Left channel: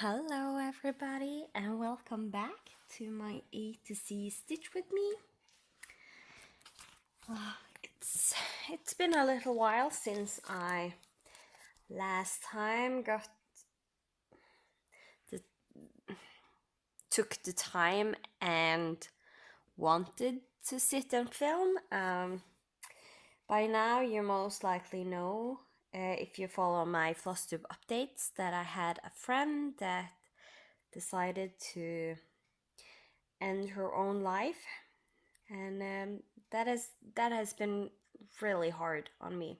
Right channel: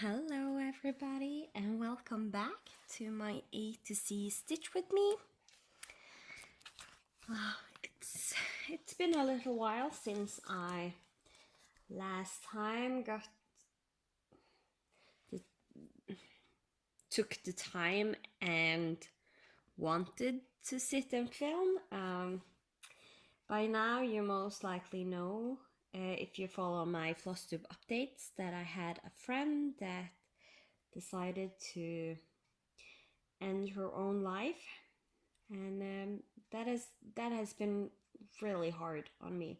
Hello everybody and welcome back to my A to C stitch with me. It's been a little while since I last time the, took the time and wanted to sit and film. By now you most likely know, if you follow my FlossTube updates, that I had a friend that decided to end her own life, and that has been really hard on me.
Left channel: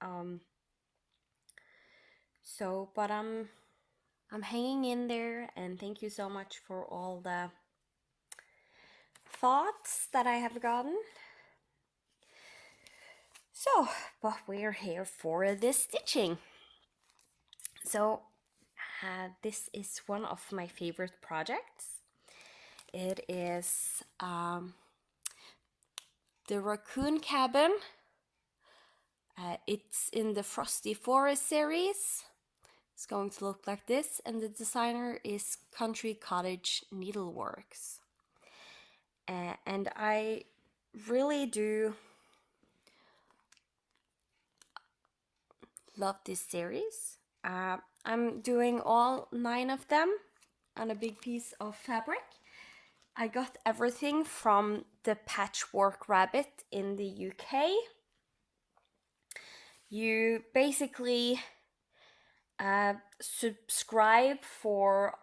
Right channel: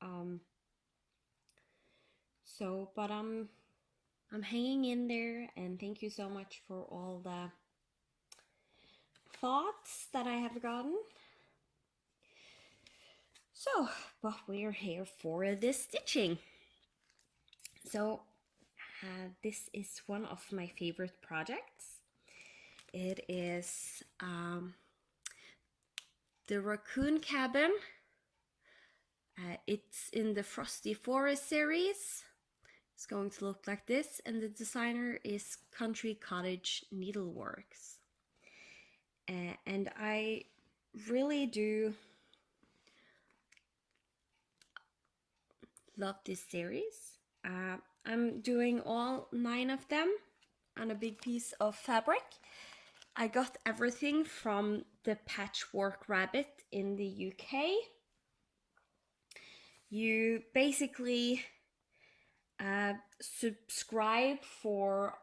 Um, but I'm hanging in there, and thank you so much for all the thoughts that I have gotten. So, but we're here for this stitching. So, this is one of my favorite projects. It is the Raccoon Cabin. It's in the Frosty Forest series. It's going to look like this, and the designer is Cottage Needleworks. And I really do love this series. I'm doing all 9 of them on a big piece of fabric. I got everything from the Patchwork Rabbit in the UK. You basically subscribe for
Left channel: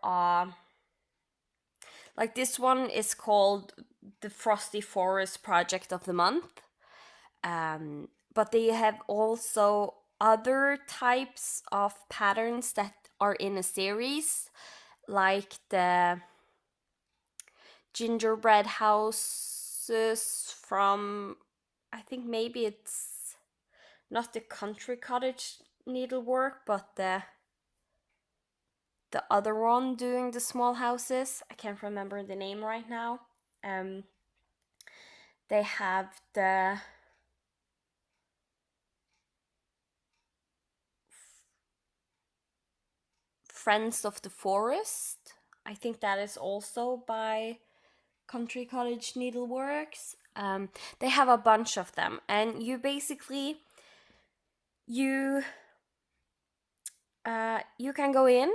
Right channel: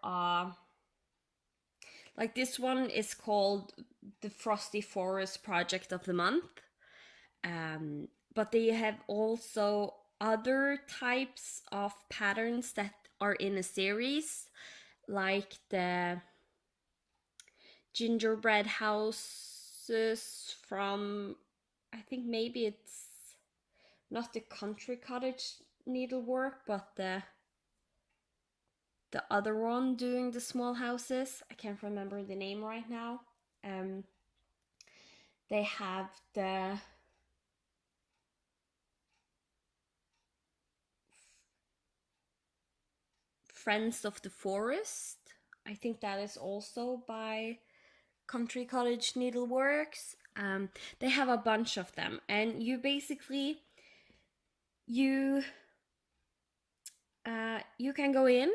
like this one is called the Frosty Forest Project of the Month. But they have also other types of patterns that are in a series, like the gingerbread houses from, I think maybe it's not the country cottage needlework, but the other one doing the small houses. I can't remember the name right now. They have the Friends of the Forest. I think that is also by Country Cottage Needleworks. They have a bunch of them, and you basically you can go in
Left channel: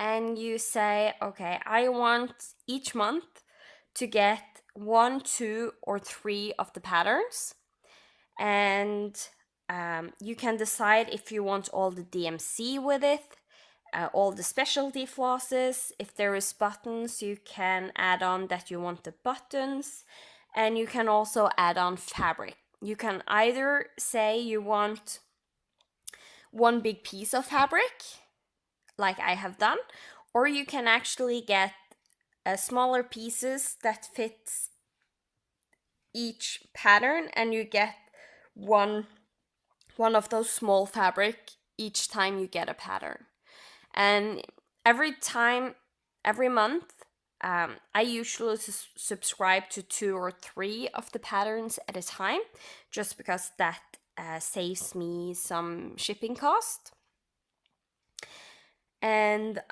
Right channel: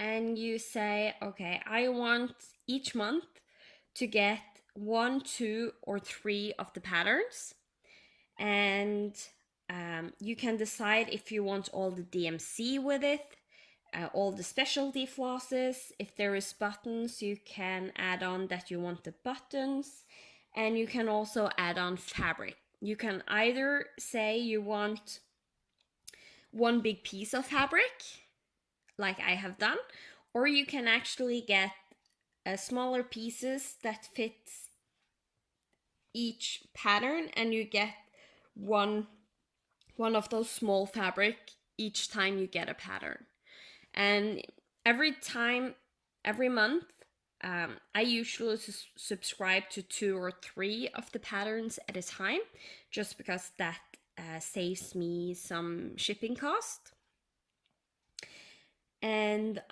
and you say, okay, I want each month to get 1, 2, or 3 of the patterns, and you can decide if you want all the DMC with it, all the specialty flosses. If there is buttons, you can add on that you want the buttons, and you can also add on fabric. You can either say you want one big piece of fabric, like I have done, or you can actually get smaller pieces that fits each pattern, and you get one of those small fabric each time you get a pattern. And every month, I usually subscribe to 2 or 3 of the patterns at a time, just because that saves me some shipping cost. And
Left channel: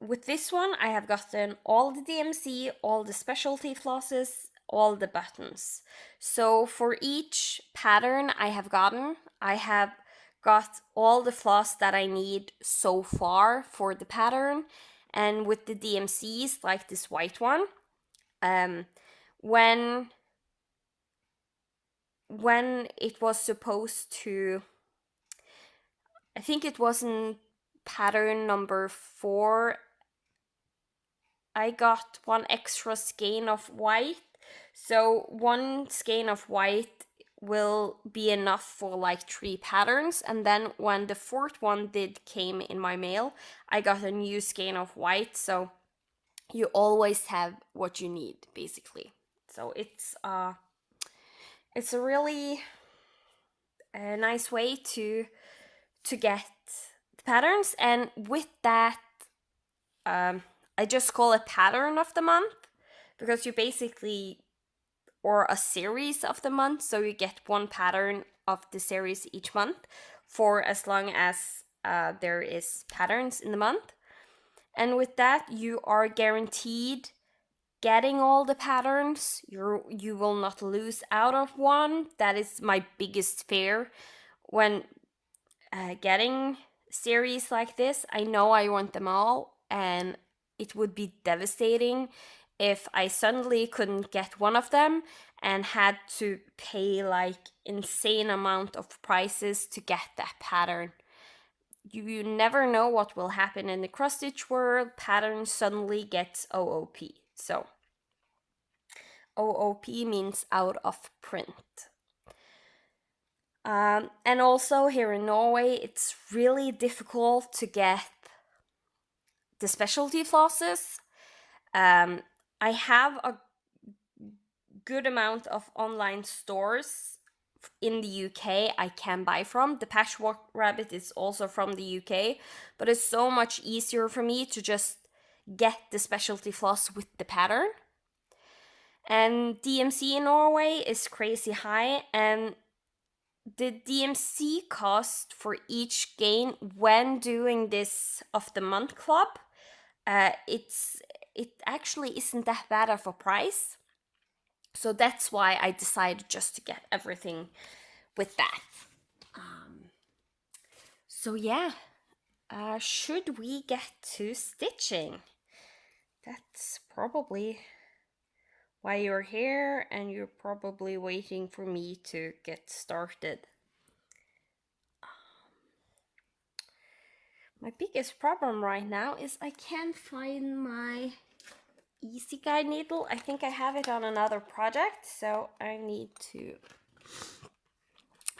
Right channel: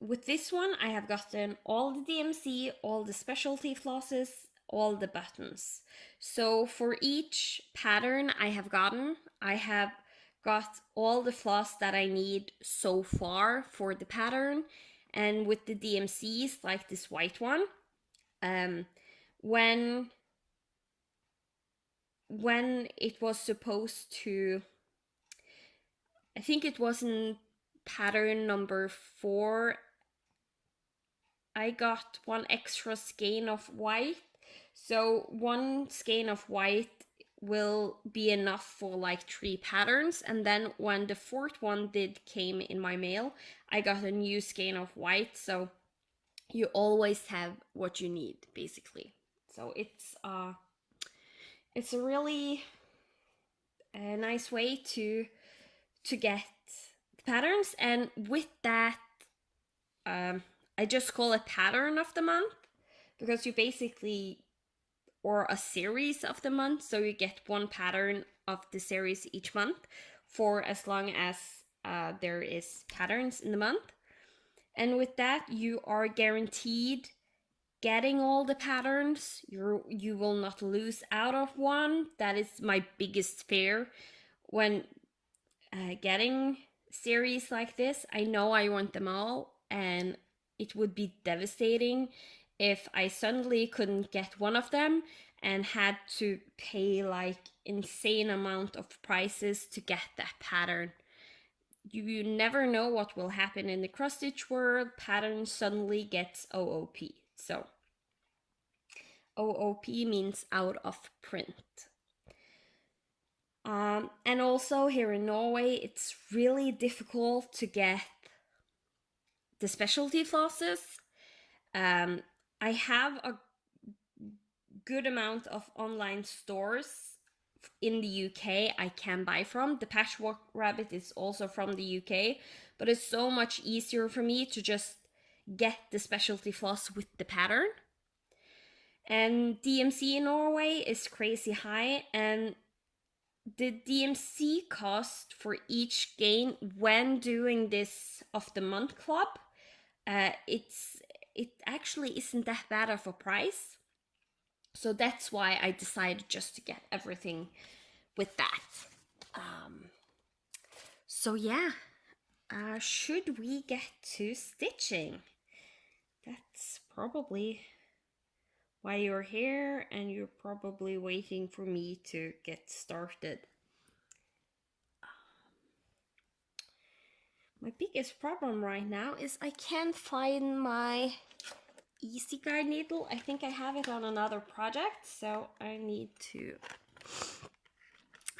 with this one, I have gotten all the DMC, all the specialty flosses, all the buttons. So for each pattern I have got all the floss that I need so far for the pattern. And with the DMCs, like this white one, when it was supposed to, I think it wasn't pattern number 4, I got 1 extra skein of white. So 1 skein of white will be enough for like 3 patterns, and then when the 4th one came in my mail, I got a new skein of white. So you always have what you need, basically. So it's a really nice way to get the patterns. And with that, I just call it pattern of the month, because you basically, or a series of the month, so you get 1 pattern of the series each month for as long as there is patterns in the month. And with that, you are guaranteed getting all the patterns. You will not lose out of one. That is my biggest fear when getting series like this. I know I want them all, and it would be devastating if I suddenly couldn't get one of them and had to pay like insane amount of prices to get that pattern. You never know what will happen in the cross stitch world. Pattern suddenly gets OOP. So OOP means out of print. And also here in Norway, it's really difficult to get the specialty flosses. I have a good amount of online stores in the UK I can buy from. The Patchwork Rabbit is also from the UK, but it's so much easier for me to just get the specialty floss with the pattern. And DMC in Norway is crazy high, and the DMC cost for each gain when doing this of the month club, it actually isn't that bad of a price. So that's why I decided just to get everything with that. So yeah, should we get to stitching? That's probably why you're here, and you're probably waiting for me to get started. My biggest problem right now is I can't find my easy guide needle. I think I have it on another project, so I need to...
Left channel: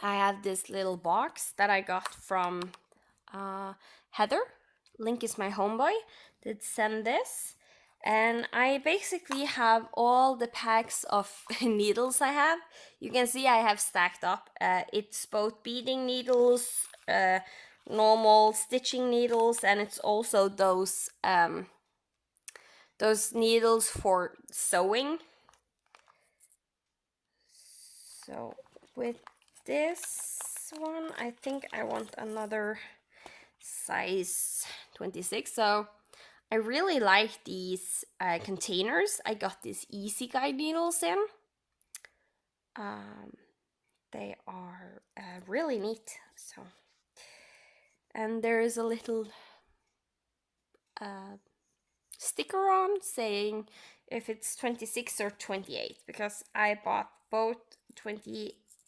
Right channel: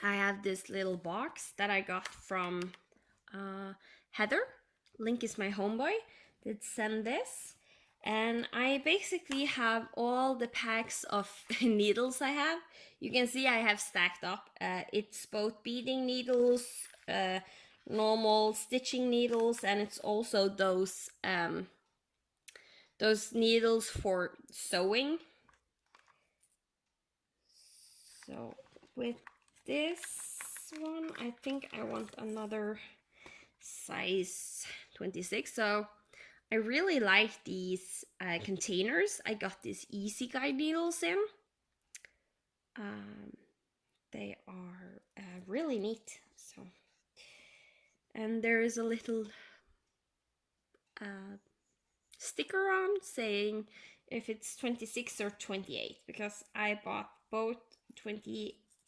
I have this little box that I got from Heather. Link is my homeboy. Did send this. And I basically have all the packs of needles I have. You can see I have stacked up. It's both beading needles, normal stitching needles, and it's also those needles for sewing. So with this one, I think I want another size 26. So I really like these containers. I got these easy guide needles in. They are really neat. So, and there is a little sticker on saying if it's 26 or 28, because I bought both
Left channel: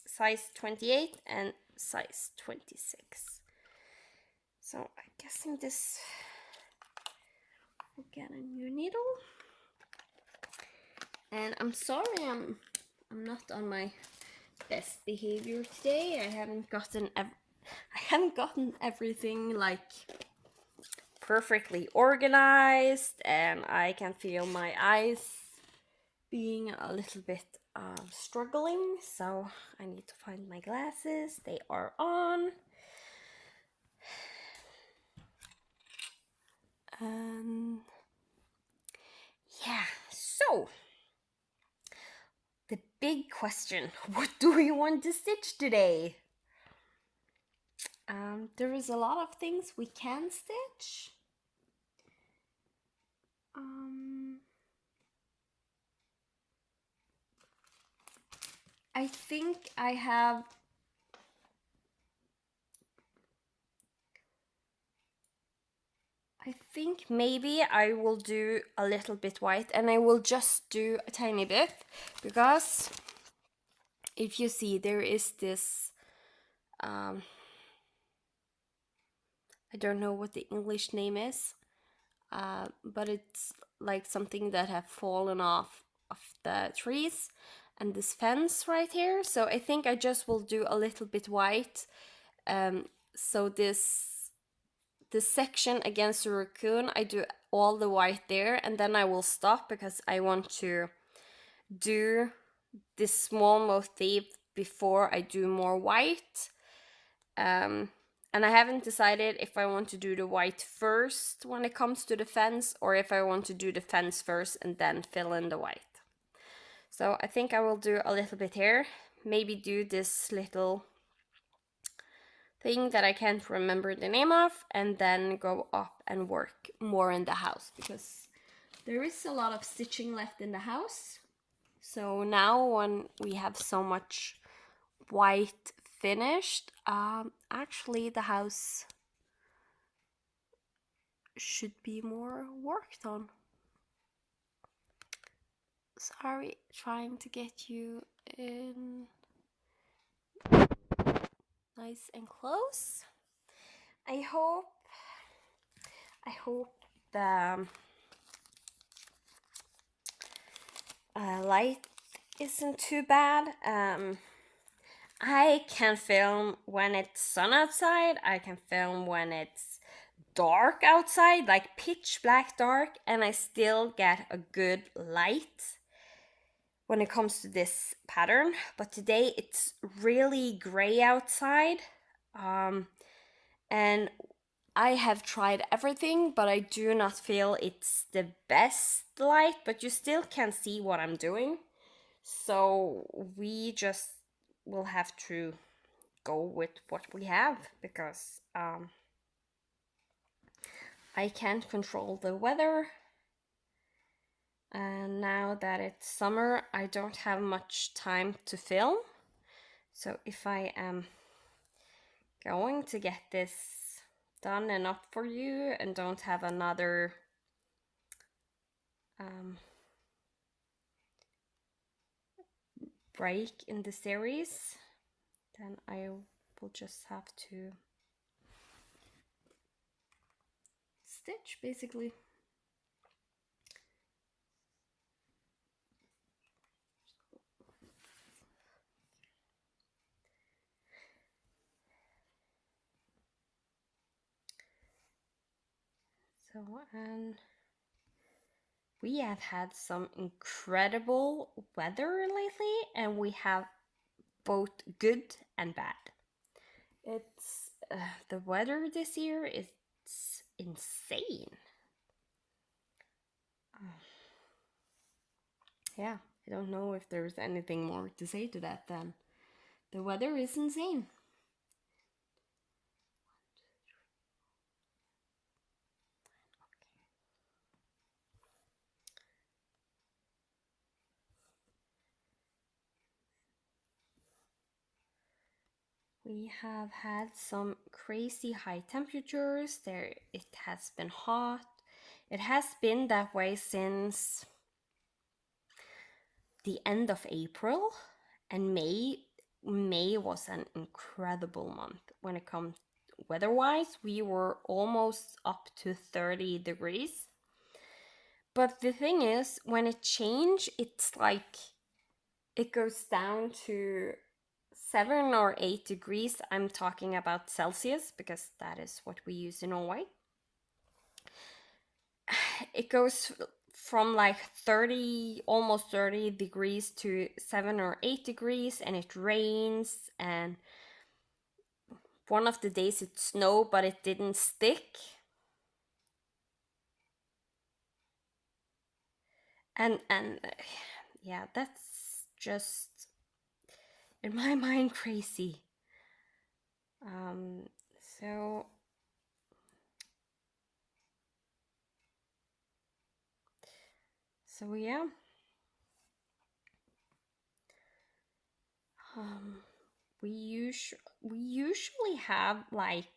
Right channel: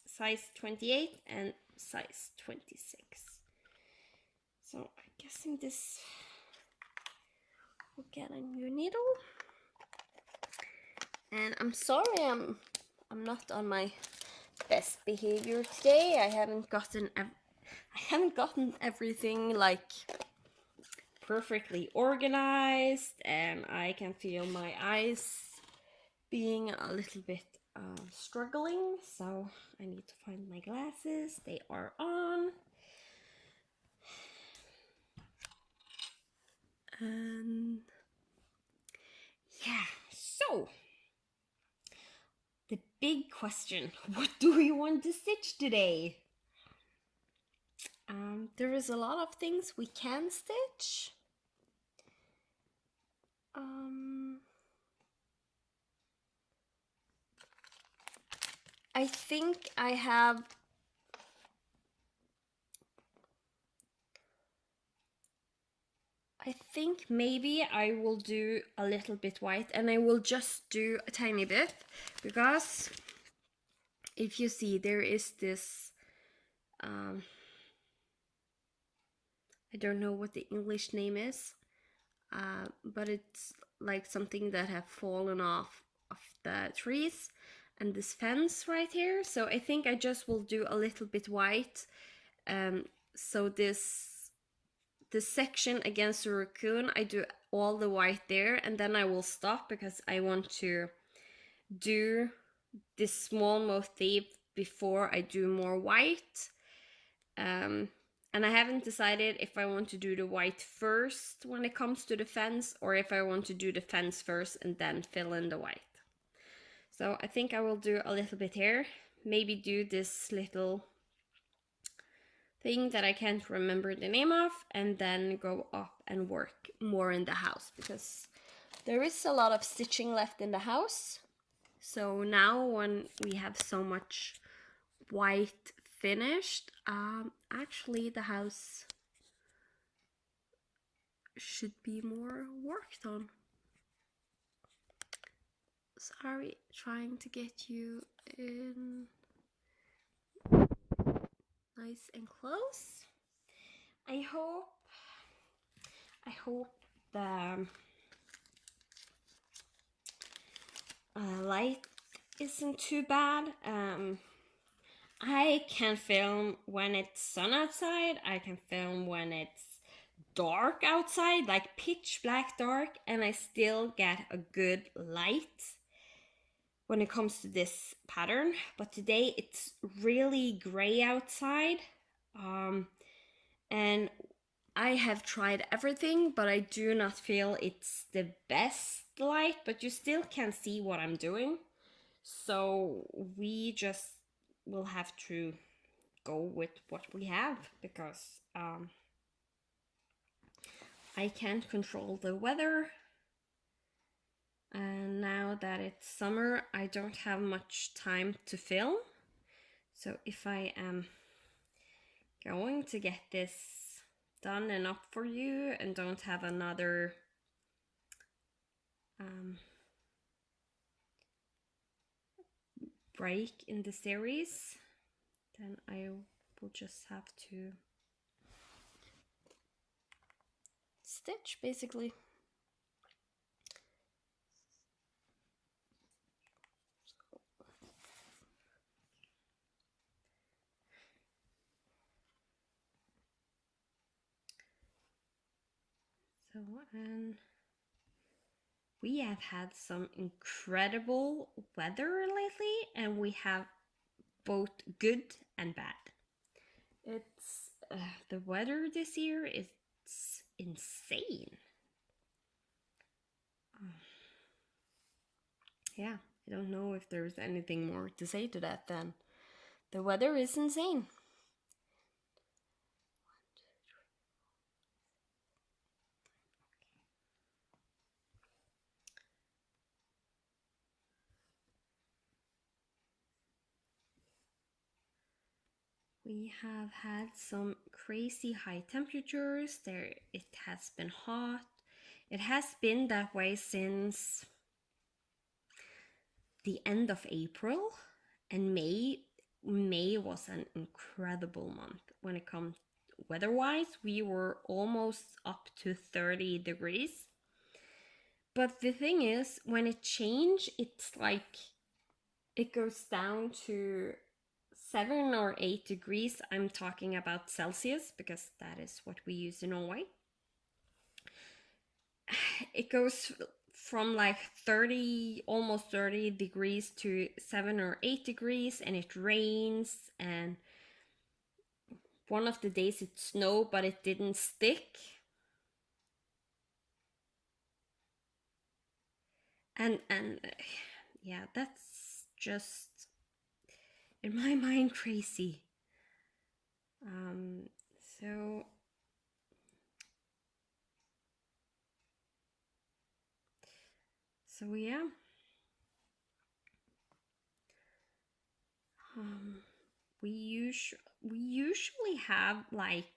size 28 and size 26. So I'm guessing this will get a new needle. And I'm sorry I'm not on my best behavior today. I haven't gotten everything like perfectly organized, and I can feel my eyes being a little bit struggling, so I need to find my glasses. They are on. Yeah, so the big question, what do we want to stitch today? There is a lot of things we can stitch. I think maybe I will do a little bit white, and I will just do a tiny bit, because if you see, there is this I don't know what the English name is, but it's like something that have fallen off of the trees, and this fence right here. So I think I just will do a little bit white. So this section against the raccoon, I do all the white there, and then I will stop because I want to do this small motif before I do more white. And I haven't decided if I want to do the white first when it comes to the fence, or if I want to do the fence first and then fill in the white. So I think I will do a little bit here. Maybe do this thing that I can't remember the name of, and then go up and work more in the house, because there is a lot of stitching left in the house. So now when we have so much white finished, actually the house should be more worked on. Sorry, trying to get you in nice and close. I hope the light isn't too bad. I can film when it's sun outside. I can film when it's dark outside, like pitch black dark, and I still get a good light when it comes to this pattern. But today it's really gray outside, and I have tried everything, but I do not feel it's the best light, but you still can see what I'm doing. So we just will have to go with what we have, because I can't control the weather. And now that it's summer, I don't have much time to film. So if I am going to get this done and up for you and don't have another break in the series, then I will just have to stitch basically. So, and we have had some incredible weather lately, and we have both good and bad. It's the weather this year is insane. Yeah, I don't know if there's anything more to say to that than the weather is insane. We have had some crazy high temperatures. It has been hot. It has been that way since the end of April, and May was an incredible month when it comes weather-wise. We were almost up to 30 degrees. But the thing is, when it changed, it's like it goes down to 7 or 8 degrees. I'm talking about Celsius because that is what we use in Norway. It goes from like 30, almost 30 degrees to 7 or 8 degrees, and it rains, and one of the days it snowed but it didn't stick. And yeah, that's just in my mind crazy. So yeah. We usually have like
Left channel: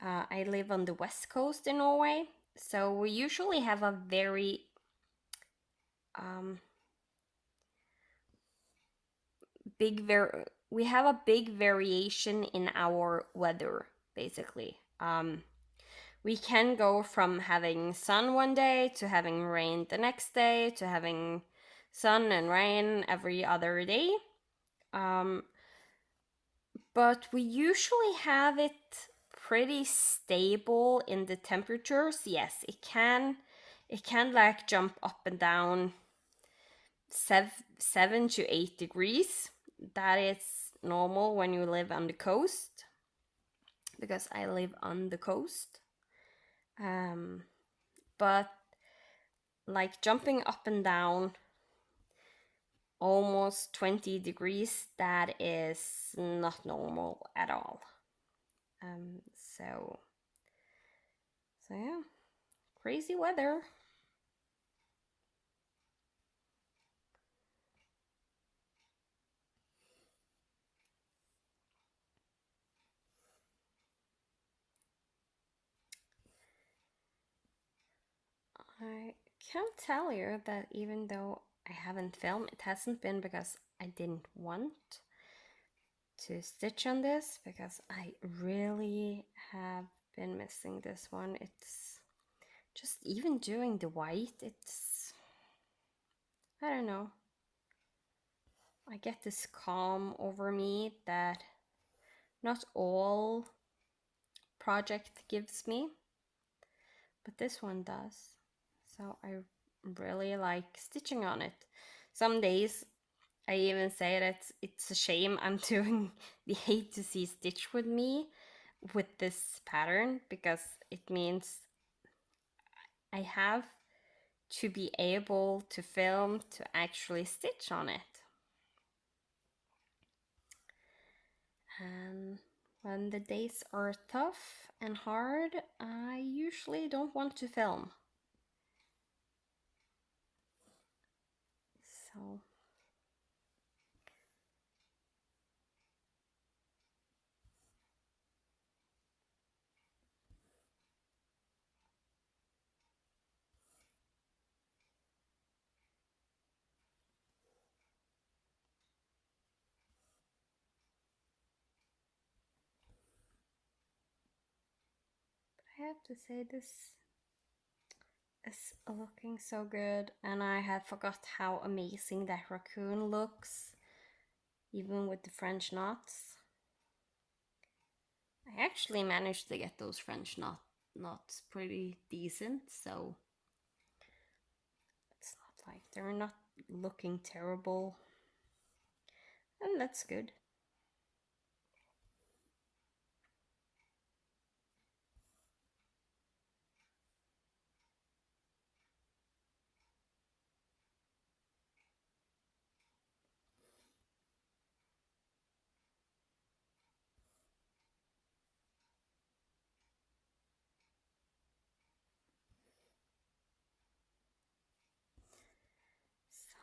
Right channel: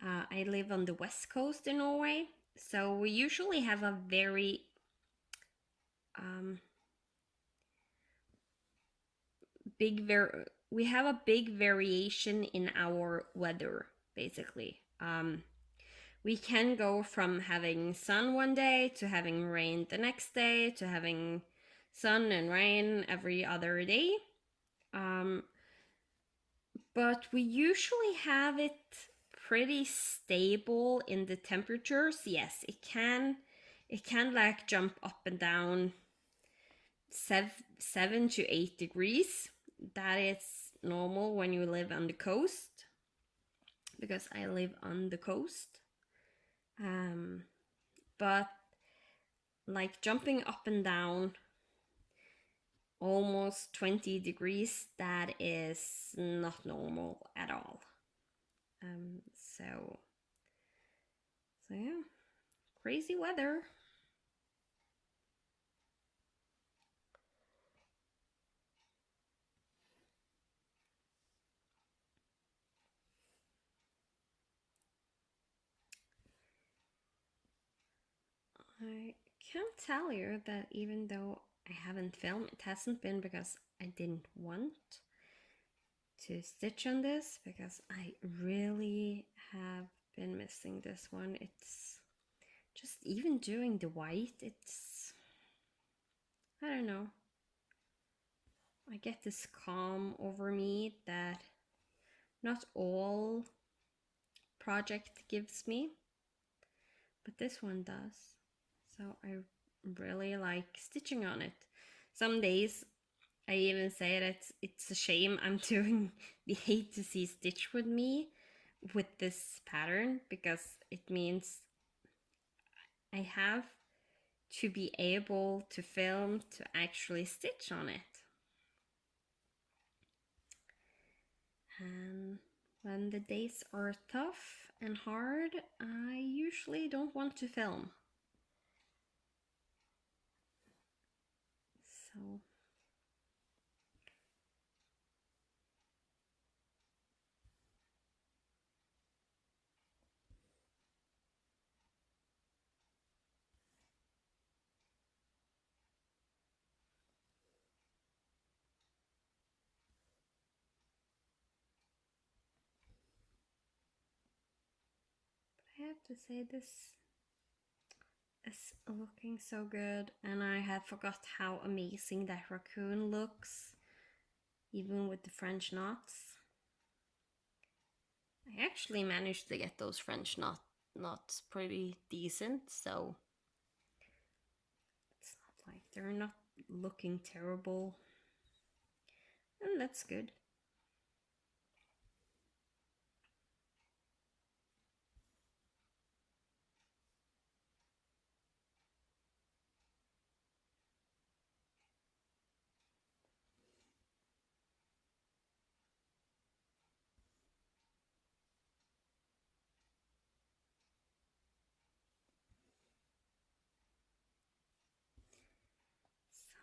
I live on the west coast in Norway, so we usually have a very we have a big variation in our weather basically. We can go from having sun one day to having rain the next day to having sun and rain every other day. But we usually have it pretty stable in the temperatures. Yes, it can like jump up and down 7 to 8 degrees. That is normal when you live on the coast, because I live on the coast. But like jumping up and down almost 20 degrees. That is not normal at all. Um, so, so yeah, crazy weather. I can't tell you that even though I haven't filmed, it hasn't been because I didn't want to stitch on this, because I really have been missing this one. It's just, even doing the white, it's, I don't know, I get this calm over me that not all project gives me, but this one does. So I really like stitching on it. Some days I even say that it's a shame I'm doing the A to Z stitch with me with this pattern, because it means I have to be able to film to actually stitch on it. And when the days are tough and hard, I usually don't want to film. So I have to say, this is looking so good, and I had forgot how amazing that raccoon looks, even with the French knots. I actually managed to get those French knots pretty decent, so it's not like they're not looking terrible, and that's good.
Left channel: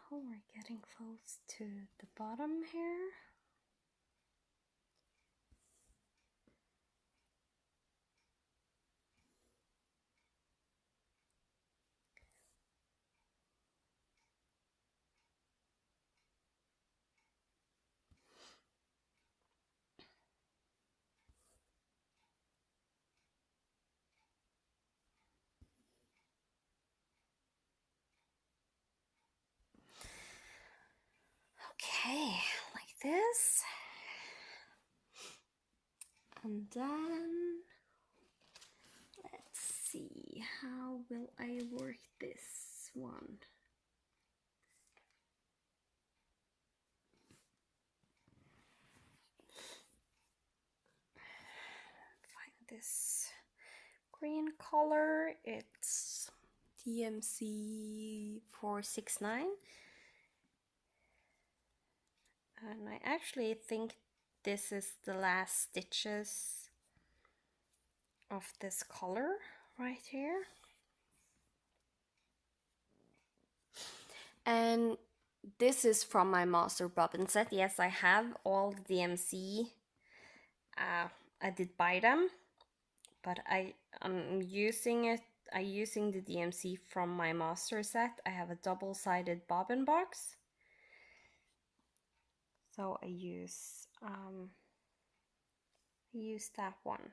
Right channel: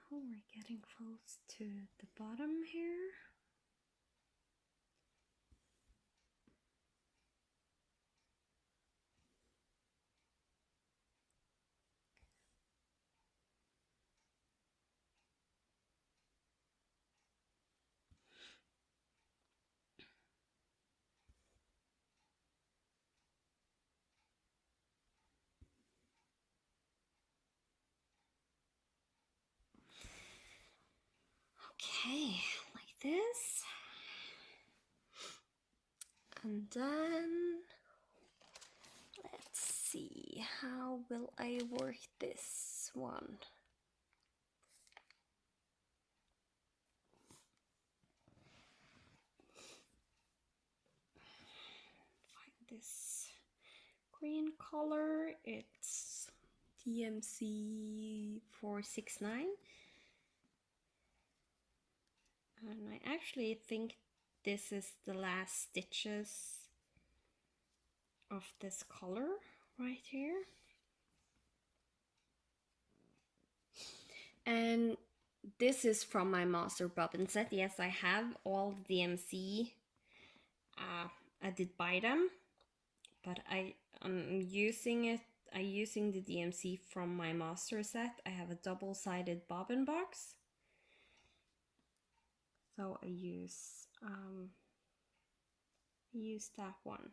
So we're getting close to the bottom here. Okay, like this. And then let's see, how will I work this one? Find this green color. It's DMC 469. And I actually think this is the last stitches of this color right here. And this is from my master bobbin set. Yes, I have all the DMC. I did buy them, but I'm using it. I'm using the DMC from my master set. I have a double-sided bobbin box, so I use that one.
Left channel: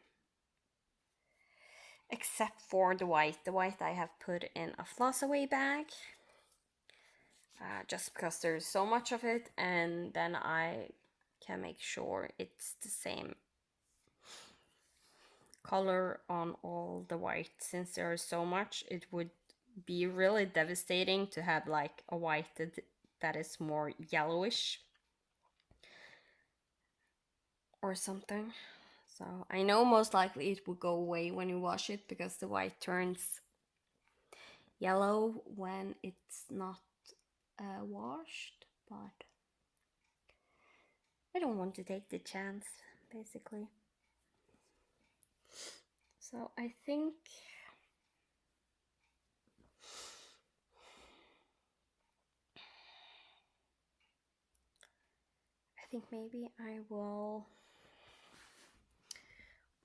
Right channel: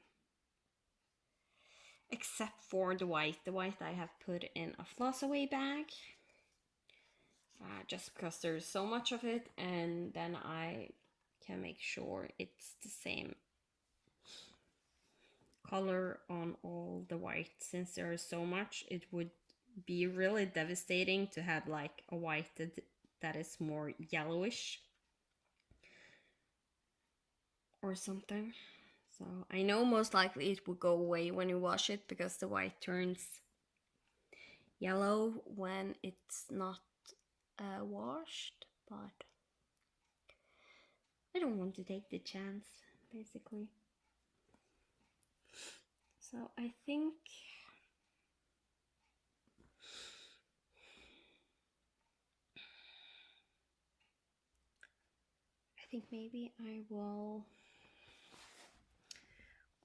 Except for the white. The white I have put in a floss away bag. Just because there's so much of it, and then I can make sure it's the same color on all the white. Since there is so much, it would be really devastating to have like a white that is more yellowish or something. So I know most likely it will go away when you wash it, because the white turns yellow when it's not washed, but I don't want to take the chance, basically. So I think maybe I will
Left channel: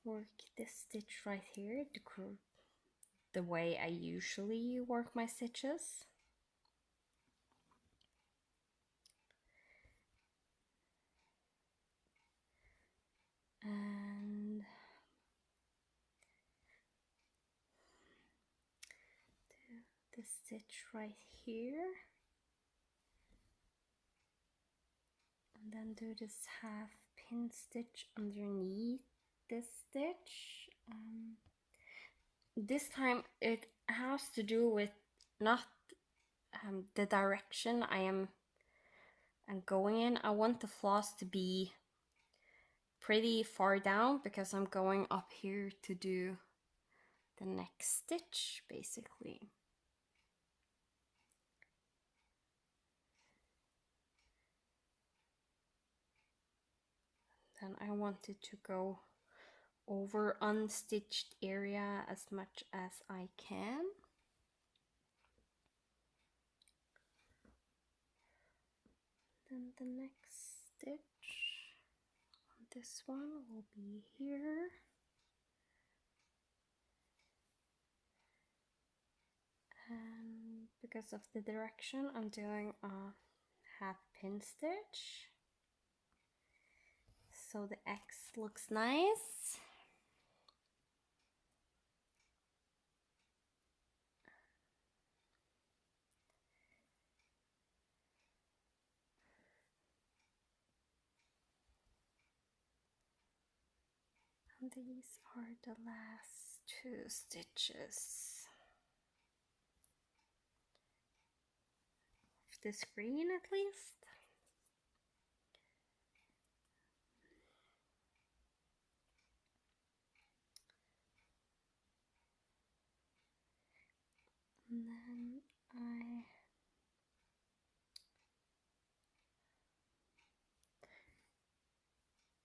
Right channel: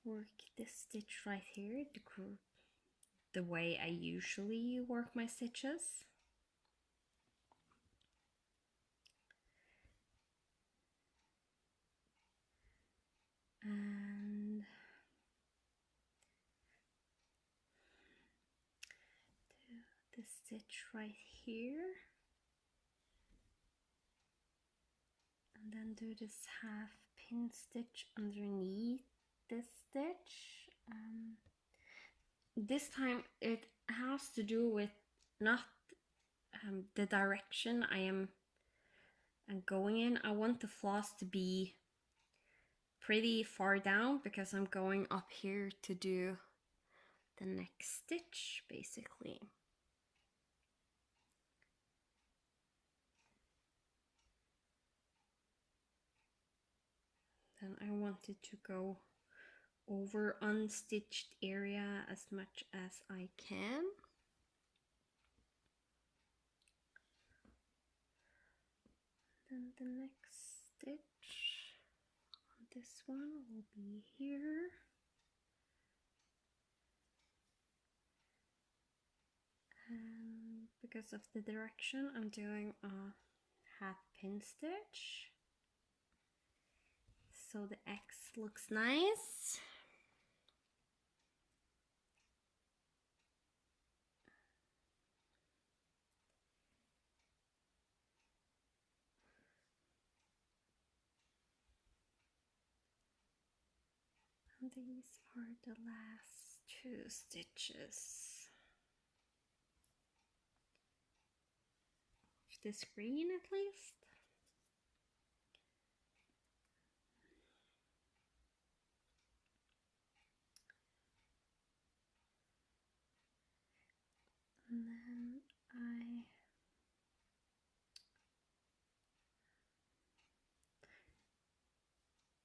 work this stitch right here the way I usually work my stitches. And do the stitch right here. And then do this half pin stitch underneath this stitch. This time it has to do with not the direction I am going in. I want the floss to be pretty far down because I'm going up here to do the next stitch, basically. Then I wanted to go over unstitched area as much as I can. Then the next stitch on this one will be here. And because of the direction, I'm doing a half pin stitch. So the X looks nice. And these are the last 2 stitches of the screen, at least. And then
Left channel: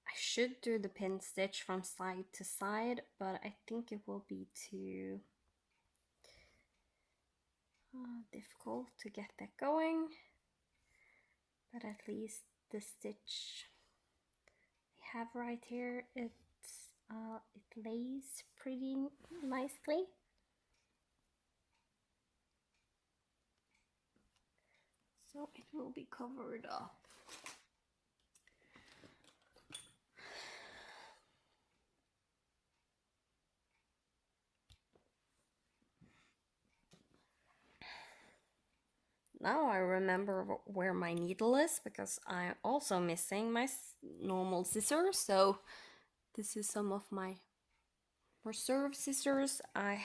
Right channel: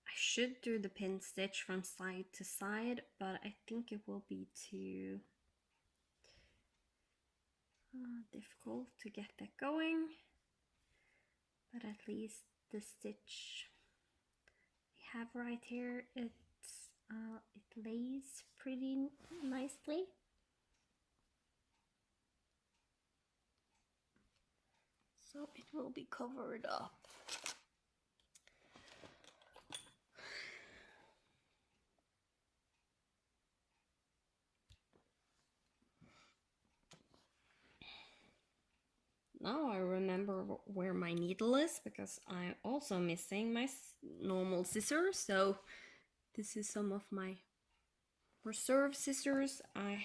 I should do the pin stitch from side to side, but I think it will be too difficult to get that going. But at least the stitch I have right here, it lays pretty nicely. So it will be covered up. Now I remember where my needle is because I'm also missing my normal scissors. So this is some of my reserve scissors I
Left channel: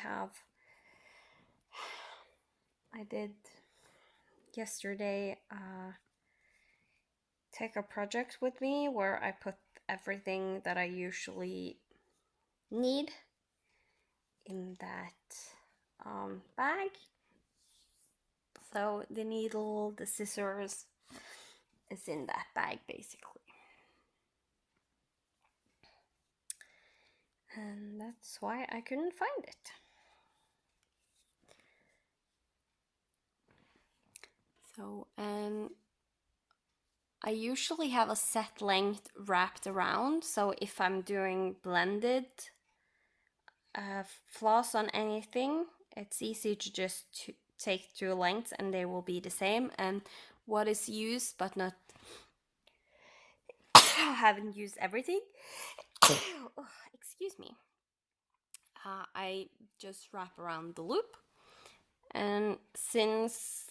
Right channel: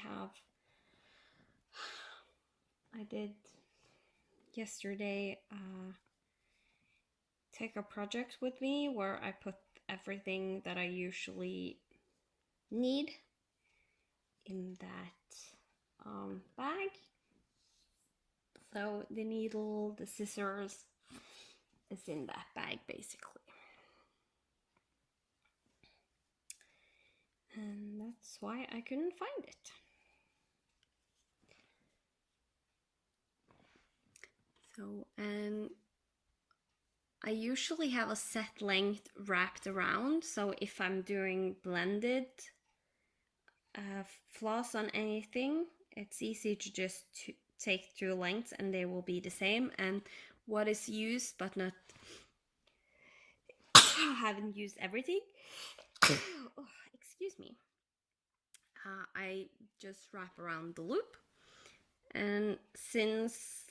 did yesterday take a project with me where I put everything that I usually need in that bag. So the needle, the scissors is in that bag basically. And that's why I couldn't find it. So, and I usually have a set length wrapped around. So if I'm doing blended floss on anything, it's easy to just take 2 lengths and they will be the same. And what is used but not haven't used everything. Oh, excuse me. I just wrap around the loop, and since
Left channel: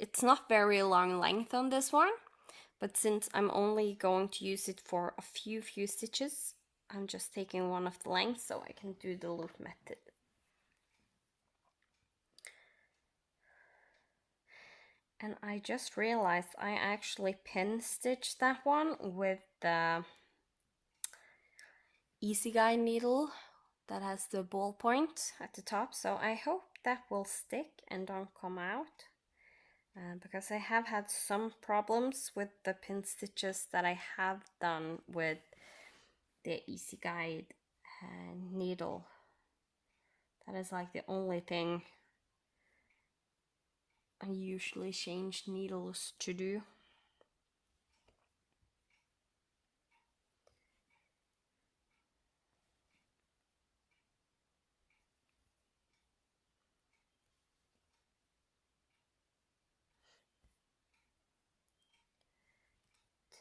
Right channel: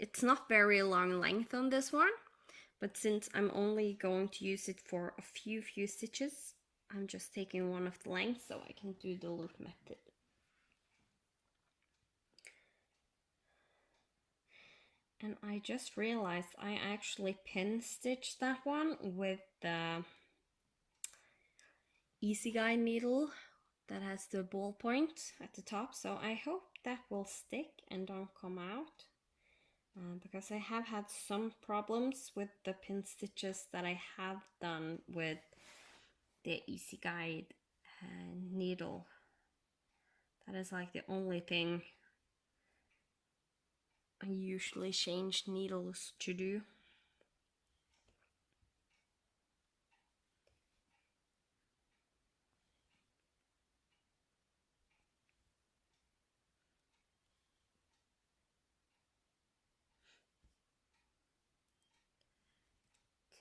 it's not very long length on this one, but since I'm only going to use it for a few stitches, I'm just taking one of the lengths so I can do the loop method. And I just realized I actually pin stitched that one with the Easy Guide needle that has the ballpoint at the top, so I hope that will stick and don't come out. because I have had some problems with the pin stitches that I have done with the Easy Guide needle. That is like the only thing I usually change needles to do.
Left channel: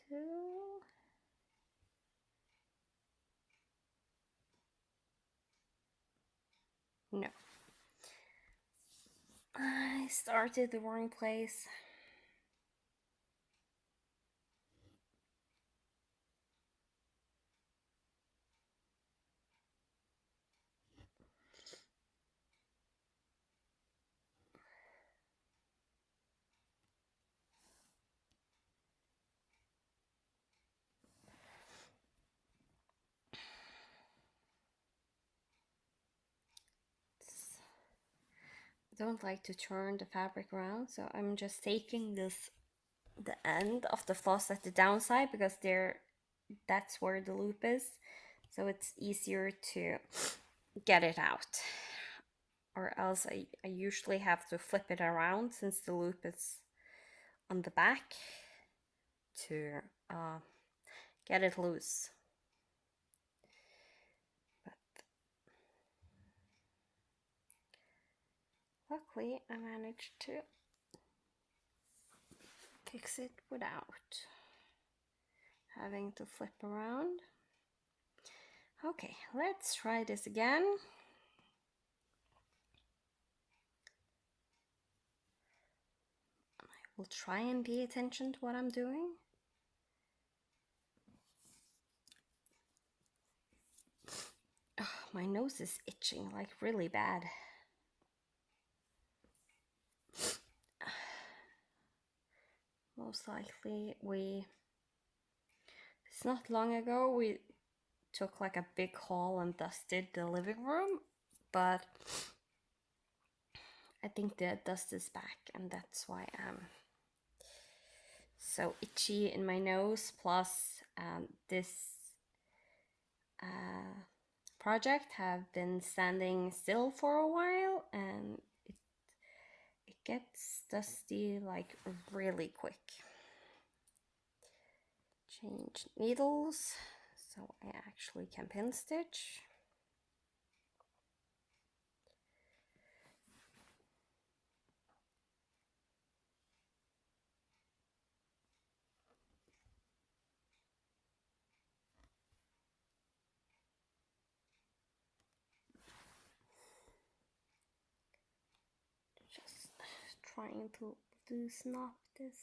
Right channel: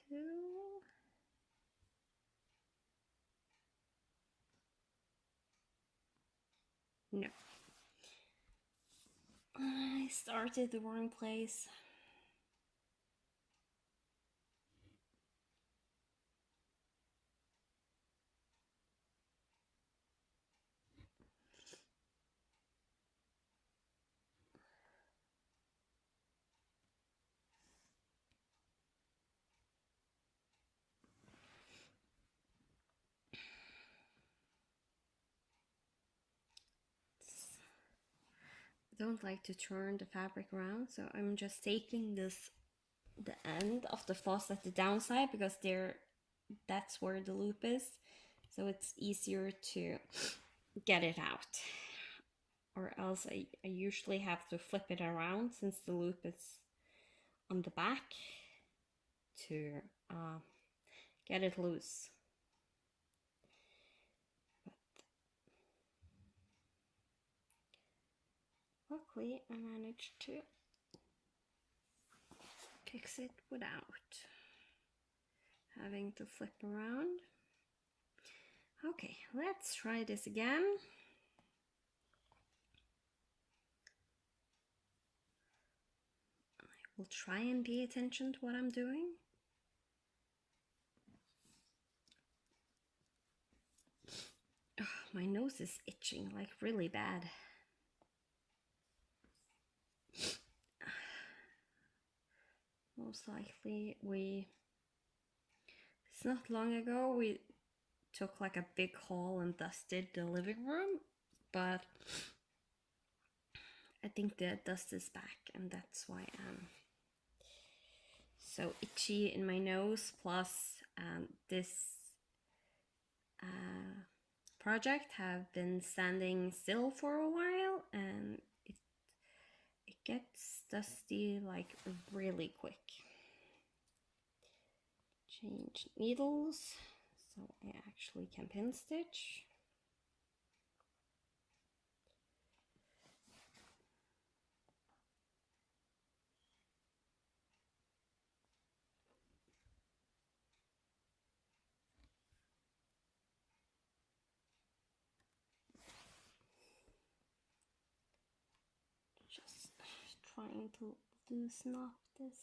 Two. No. I started the wrong place. I don't like to turn the fabric around, so I'm just taking the end of the floss at the downside because that's where the loop is, so it's easier to get it out. Or else I usually have to flip it around since the loop is on the back to get it loose. But luckily I managed to fix it without having to flip around. Okay, let's try this again. I will try and pay attention to what I'm doing. Ugh, my nose is itching like really bad. Most likely it's not long ago we took like a big haul and dusted the living room, but I think the dust is back and that's why I'm so itchy in my nose. Plus this project have been standing still for a while and it gets dusty like really quick. Change needles so I actually can pin stitch. Just trying to loosen up this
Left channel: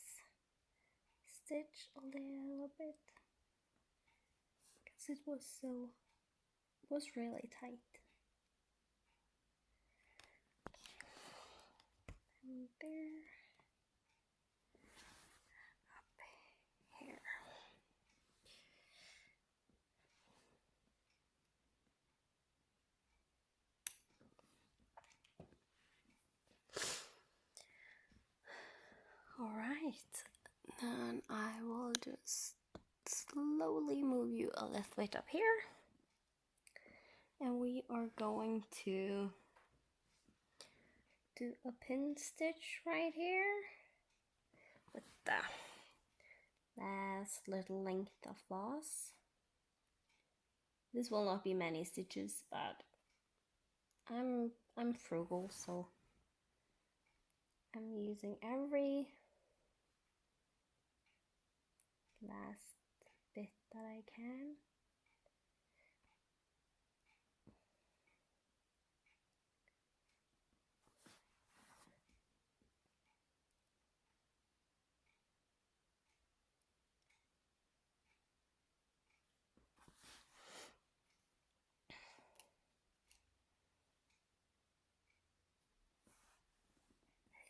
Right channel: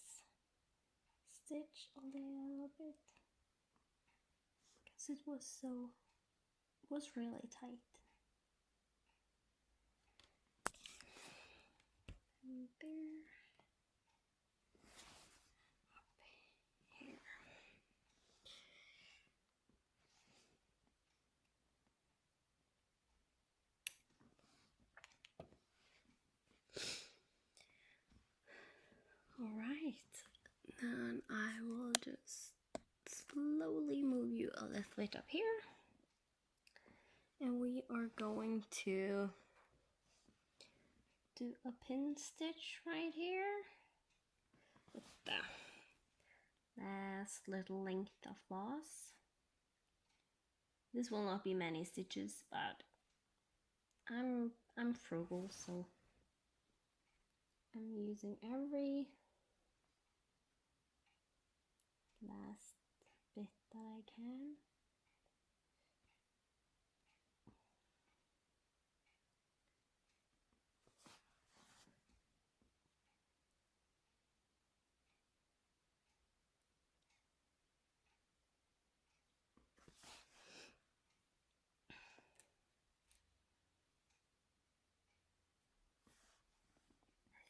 stitch a little bit because it was really tight. And there, up here. All right, then I will just slowly move you a little bit up here, and we are going to do a pin stitch right here with the last little length of floss. This will not be many stitches, but I'm frugal, so I'm using every last bit that I can.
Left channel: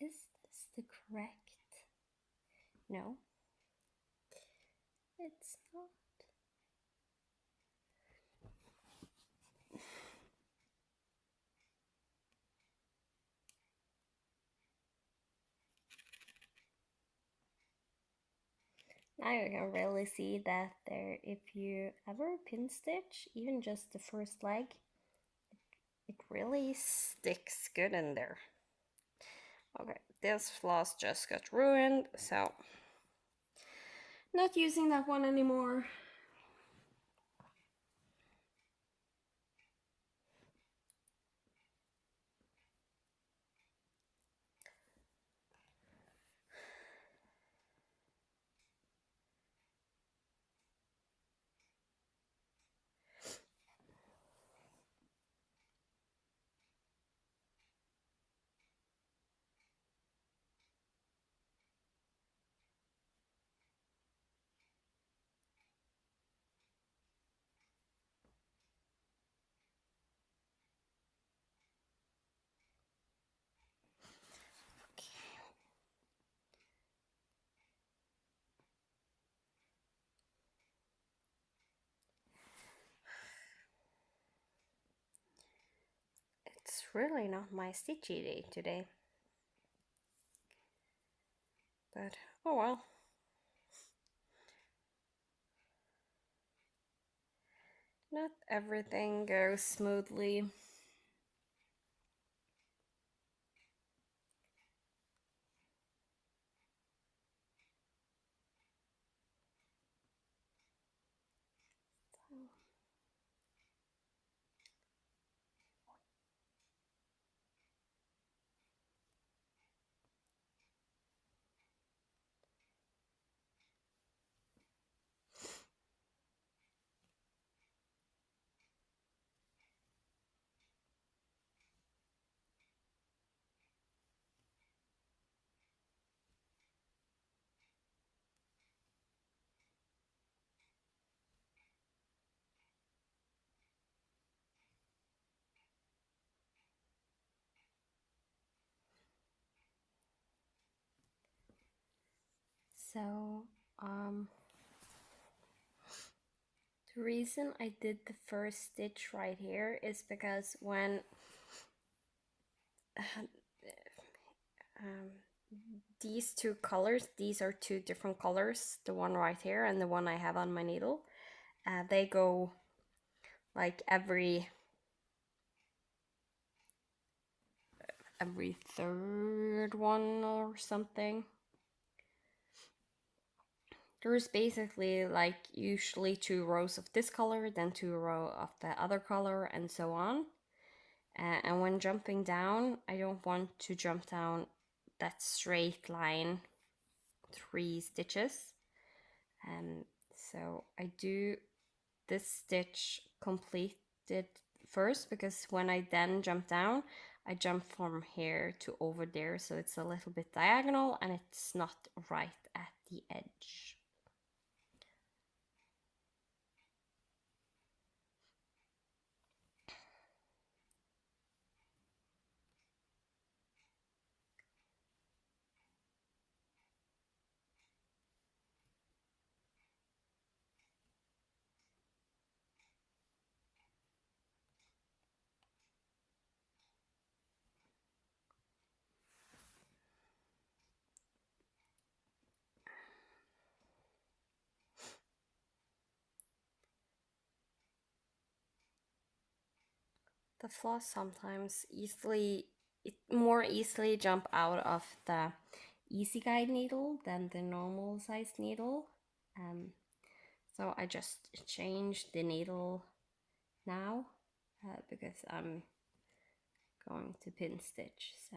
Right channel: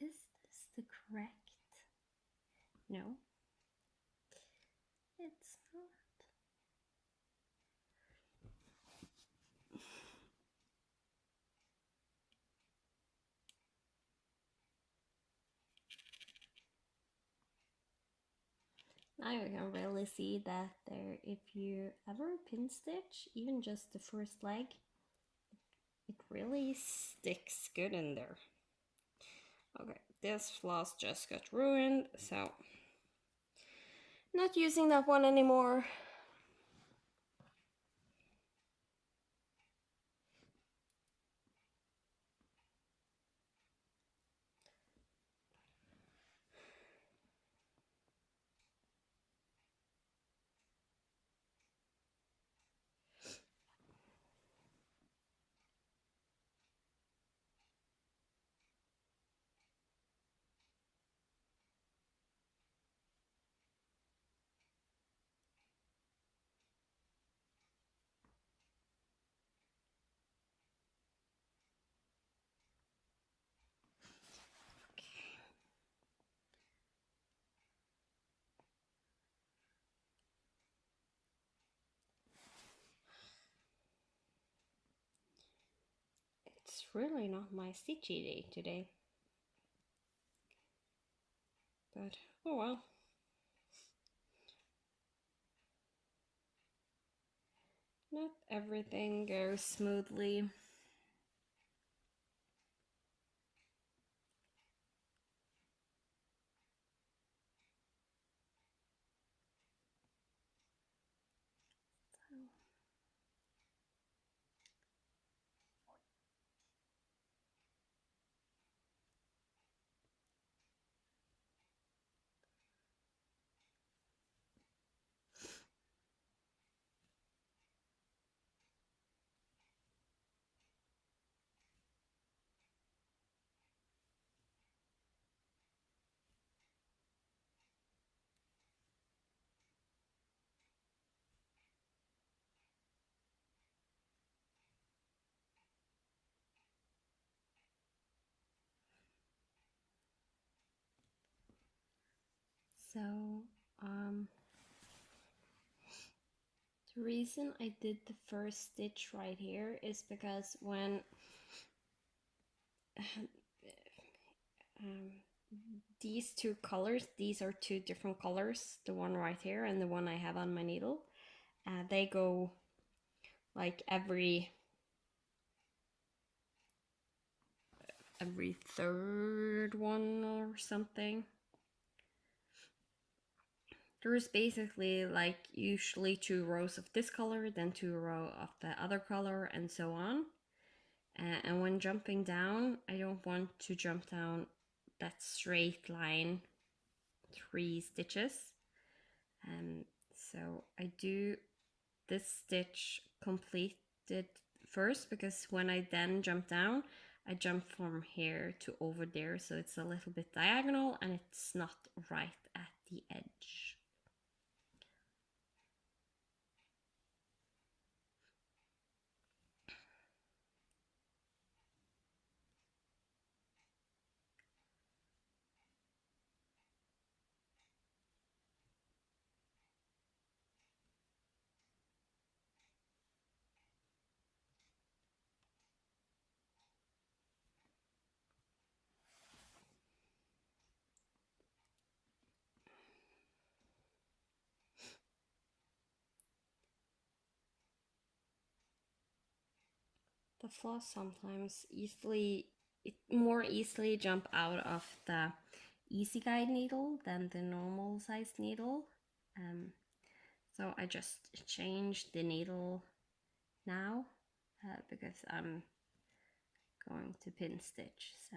Is this the correct? No, it's not. Now you can really see that there, if you ever pin stitch, even just the first leg, it really sticks good in there. Okay, this floss just got ruined, so not using that one anymore. It's really not my stitchy day today. But, oh well. Not everything goes smoothly. So, the reason I did the first stitch right here is because when these two colors, these are two different colors, the one right here and the one I have on my needle, they go like every third one or something. There's basically like usually 2 rows of this color, then 2 rows of the other color, and so on. And when jumping down, I don't want to jump down that straight line 3 stitches. So I do this stitch completed first, because when I then jump down, I jump from here to over there, so it's a little bit diagonal and it's not right at the edge. The floss sometimes more easily jump out of the easy guide needle than the normal size needle. So I just changed the needle now because I'm going to pin stitch. So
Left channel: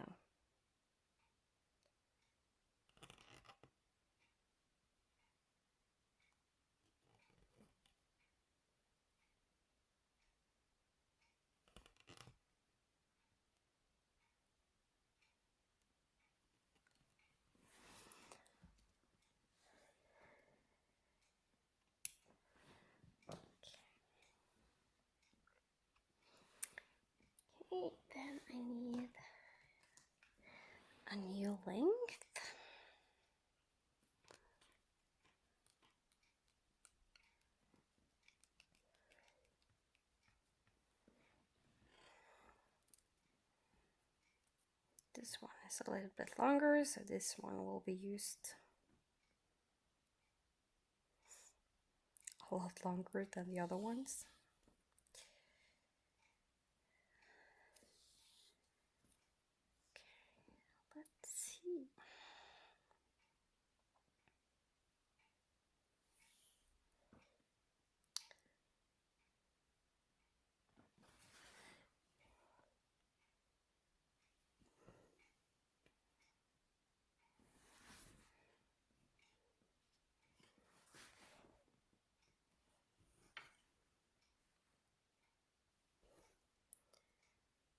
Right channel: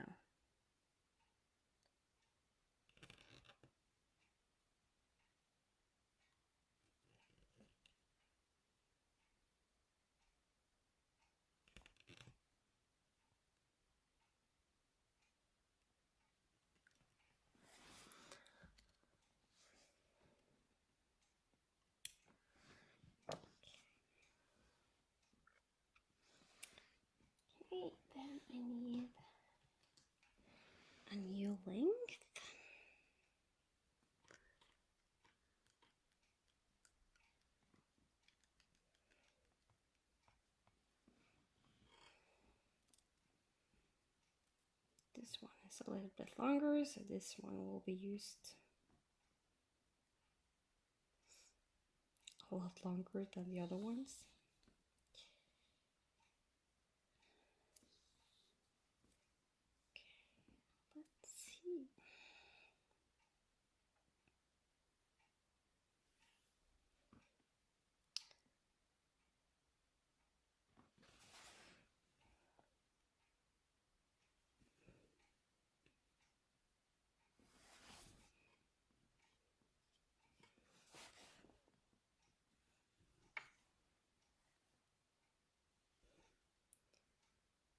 okay, then I need a new length. This one is a little bit longer, so this one will be used. a lot longer than the other ones. Okay, let's see.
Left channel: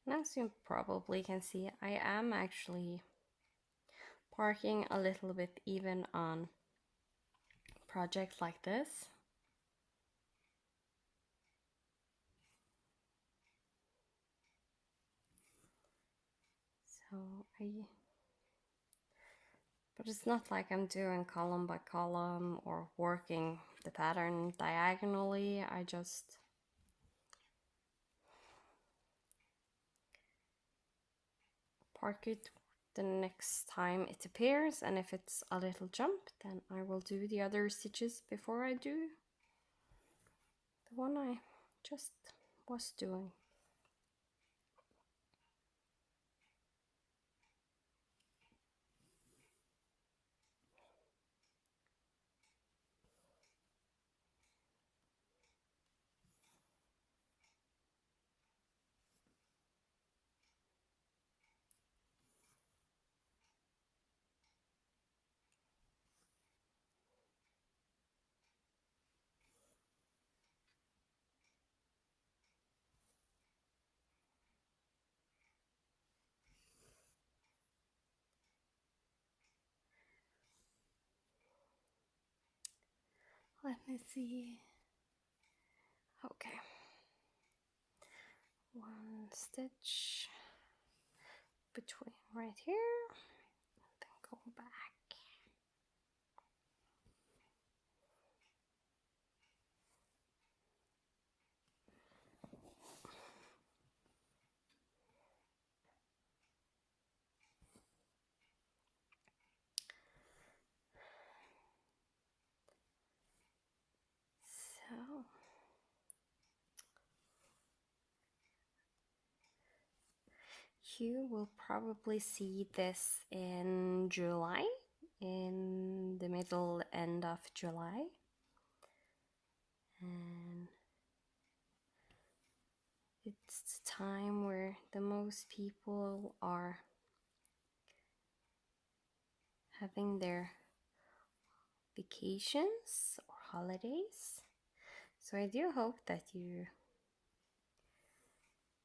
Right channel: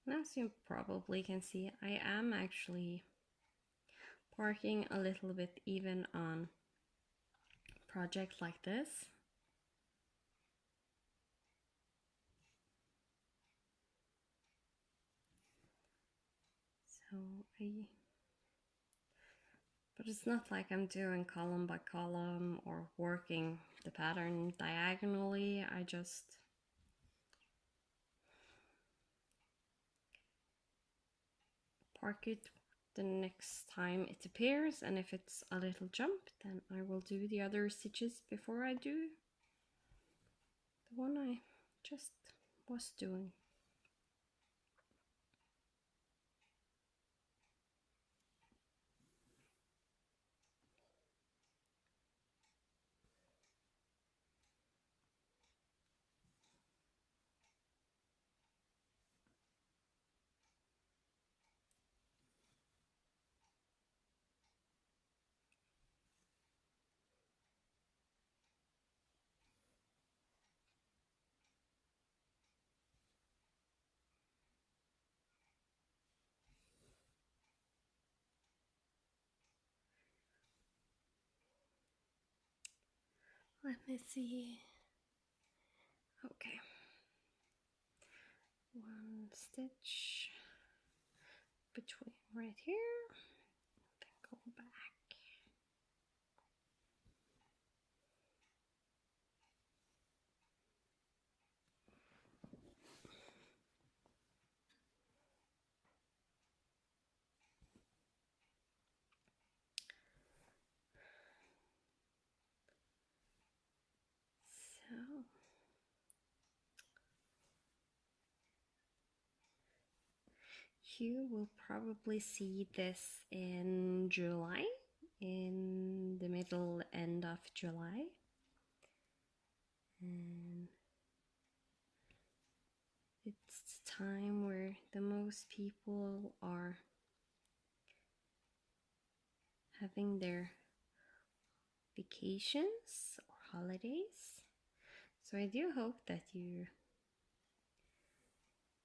And as you probably can see, I am actually parking a little bit even on projects like this. So but it's not like I'm doing column by column or working the pattern diagonally. I just park it the next time it appears, and if it's a little jump, then I will do the other stitches before I do the one I just was doing. Let me see. Okay. One stitch between right here, then go back. So you will probably see this in July, in the middle end of July. And it's the time where the most people are having their vacations or holidays. So I do hope that you,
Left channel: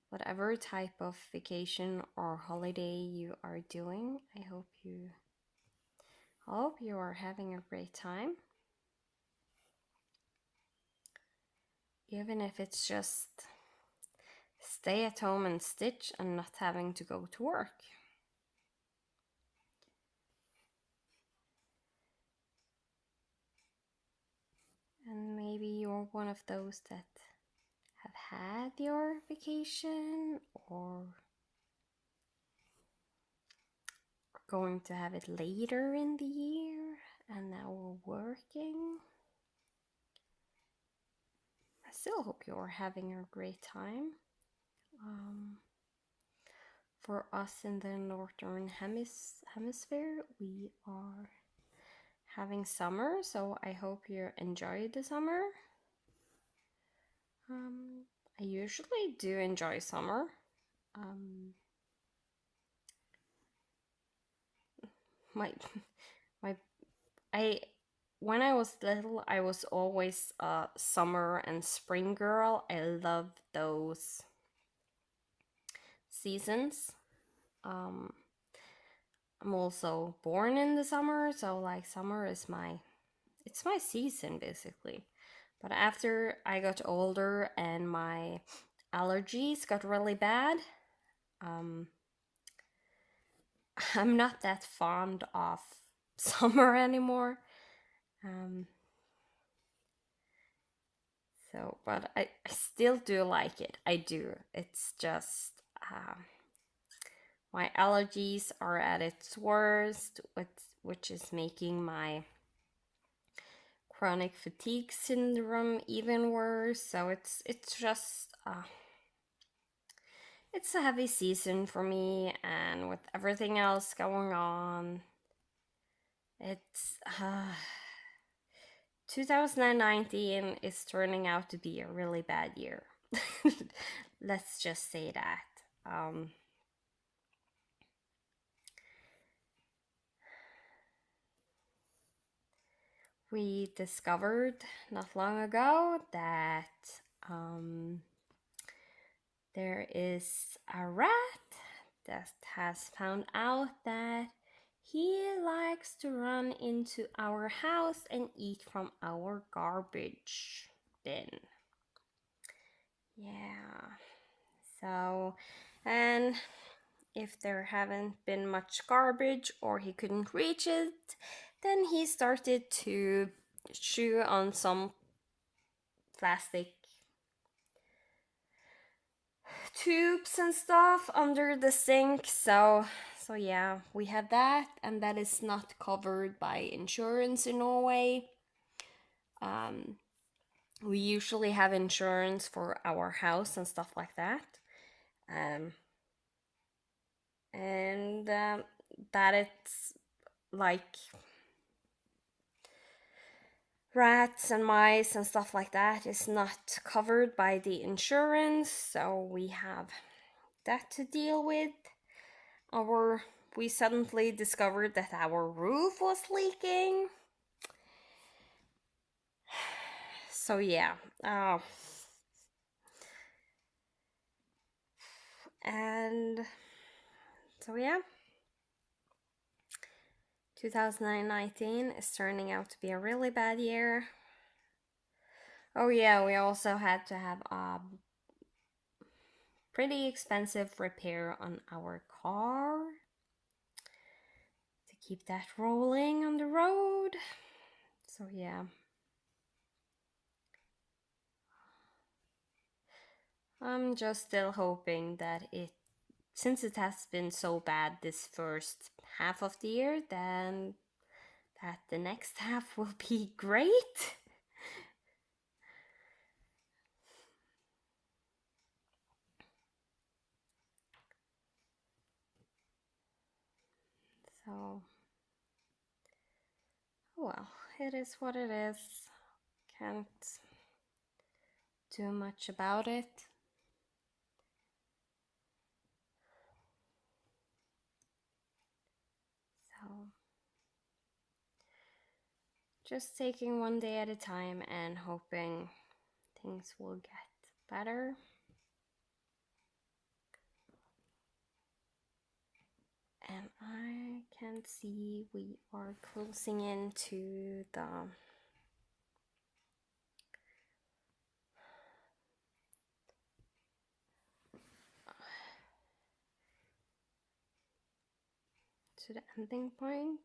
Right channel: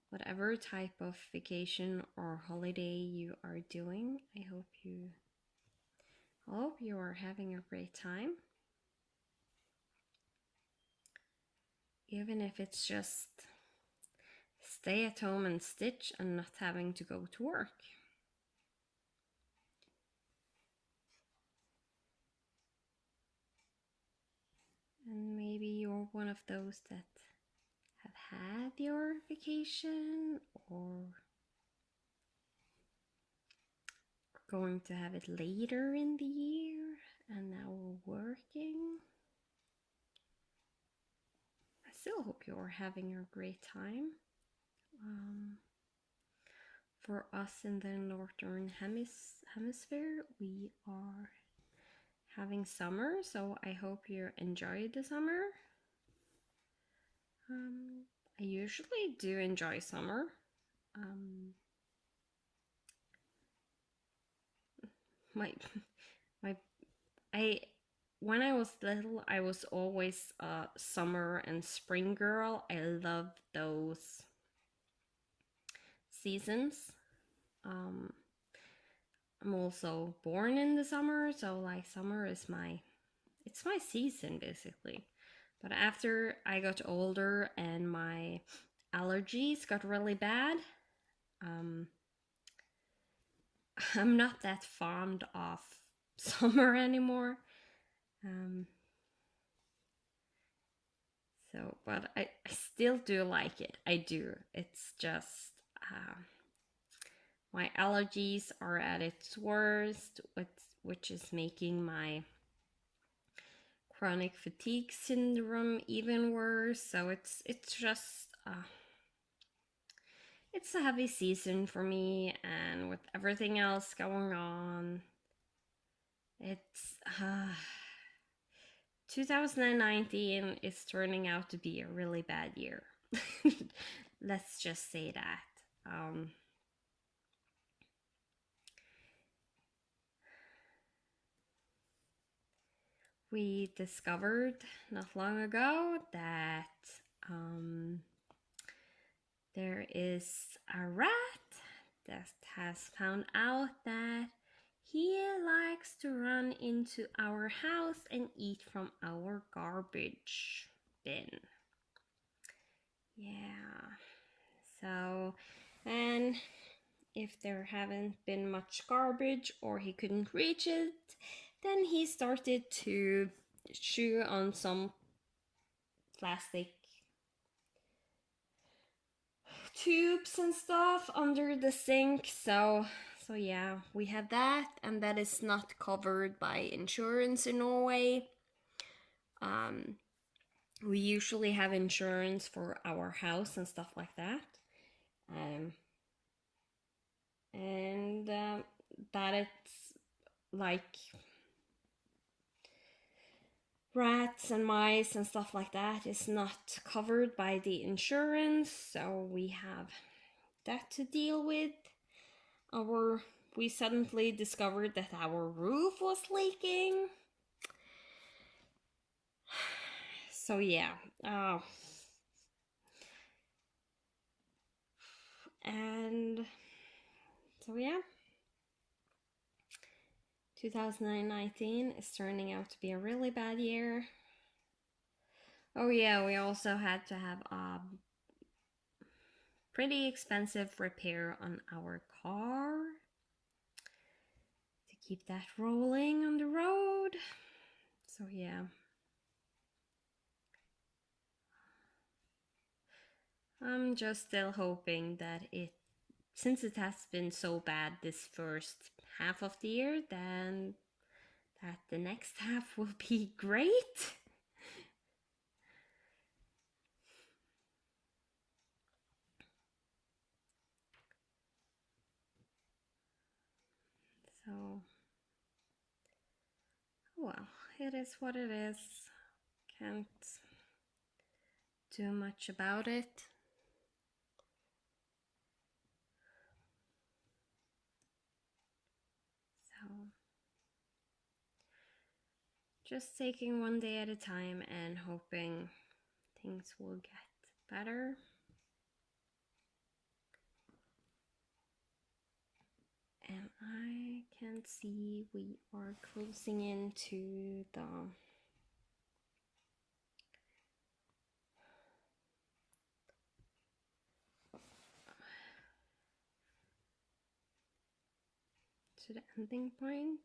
whatever type of vacation or holiday you are doing, I hope you are having a great time. Even if it's just stay at home and stitch and not having to go to work. And maybe you're one of those that have had your vacation or going to have it later in the year and now we're working. I still hope you're having a great time. For us in the northern hemisphere, we are having summer, so I hope you enjoy the summer. I usually do enjoy summer. When I was little, I was always a summer and spring girl. I love those seasons. I'm also born in the summer, so like summer is it's my season basically. But after I got older and my allergies got really bad, I'm not that fond of summer anymore. But I still do like it. I do. It's just my allergies are at its worst, which is making my chronic fatigue syndrome even worse. So it's just it's a heavy season for me, and with everything else going on, it's 2019 is turning out to be a really bad year. Let's just say that. We discovered not long ago that there is a rat that has found out that he likes to run into our house and eat from our garbage bin. Yeah. So, and if there haven't been much garbage or he couldn't reach it, then he started to chew on some plastic tubes and stuff under the sink. So yeah, we have that, and that is not covered by insurance in Norway. We usually have insurance for our house and stuff like that. And that it's like rats and mice and stuff like that is not covered by the insurance, so we have that to deal with. We suddenly discovered that our roof was leaking. So yeah. And so yeah. 2019 is turning out to be a really bad year. Oh yeah, we also had to have a pretty expensive repair on our car to keep that rolling on the road. So yeah. I'm just still hoping that since it has been so bad this first half of the year, then that the next half will be great. So, well, it is what it is. Can't do much about it. So, just taking one day at a time and hoping things will get better. And I can see we are closing into the ending point.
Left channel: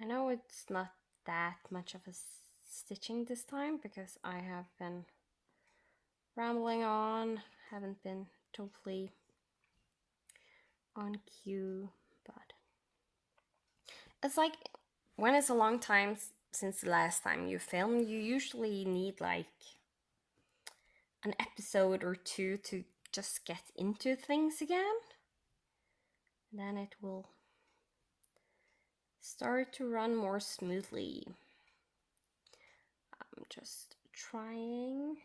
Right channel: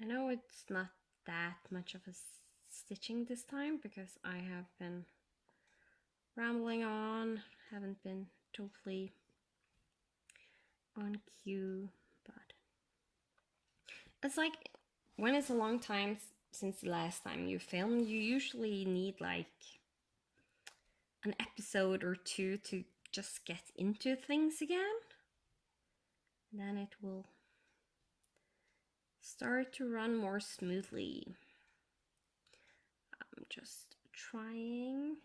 I know it's not that much of a stitching this time because I have been rambling on, haven't been totally on cue, but it's like when it's a long time since the last time you filmed, you usually need like an episode or two to just get into things again. Then it will start to run more smoothly. I'm just trying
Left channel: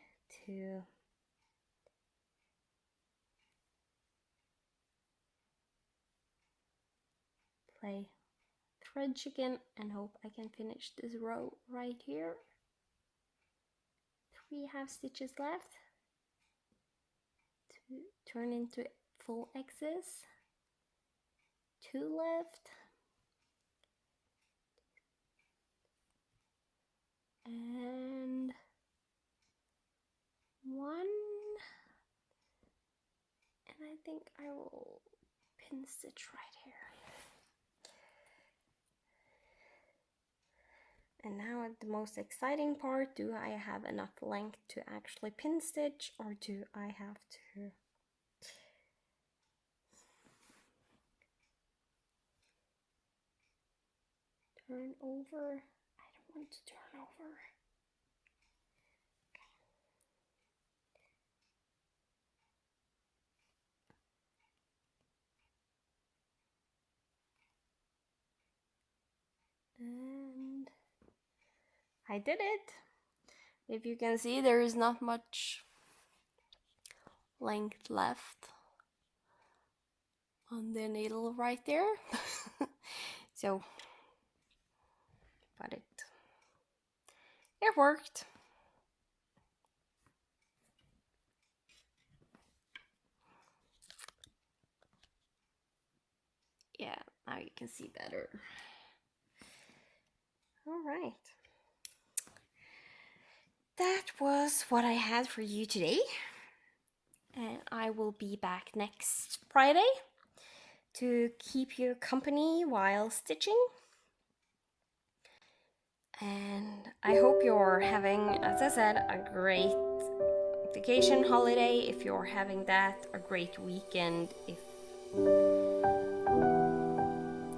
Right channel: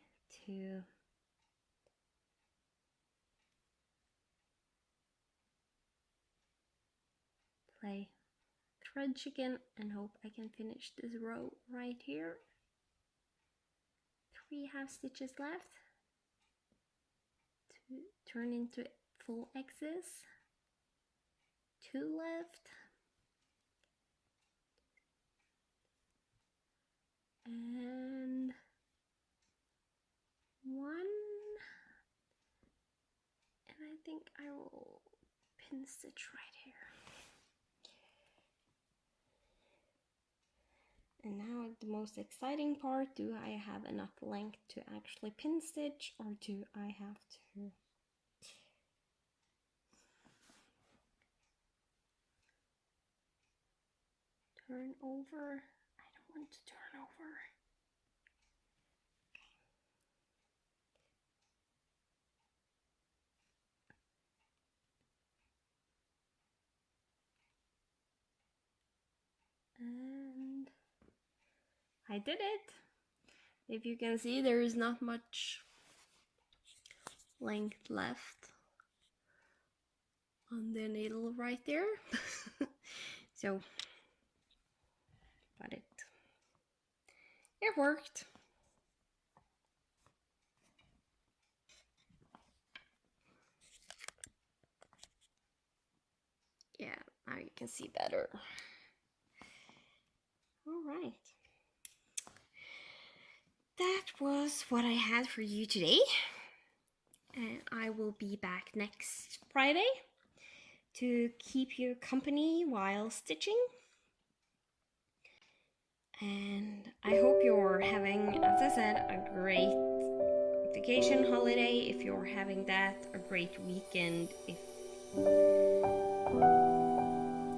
to play thread chicken and hope I can finish this row right here. 3 half stitches left to turn into full X's. 2 left. And 1. And I think I will pin stitch right here. And now at the most exciting part, do I have enough length to actually pin stitch, or do I have to turn over. I don't want to turn over. And I did it. If you can see, there is not much length left on the needle right there. So, but it worked. Yeah, now you can see better. All right. That was what I had for you today. And I will be back next Friday to keep you company while stitching. And I hope you're having, as I said, a great vacation holiday. If you're having that, a great weekend. If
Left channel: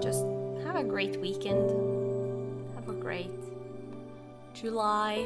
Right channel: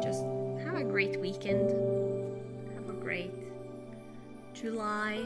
just have a great weekend. Have a great July.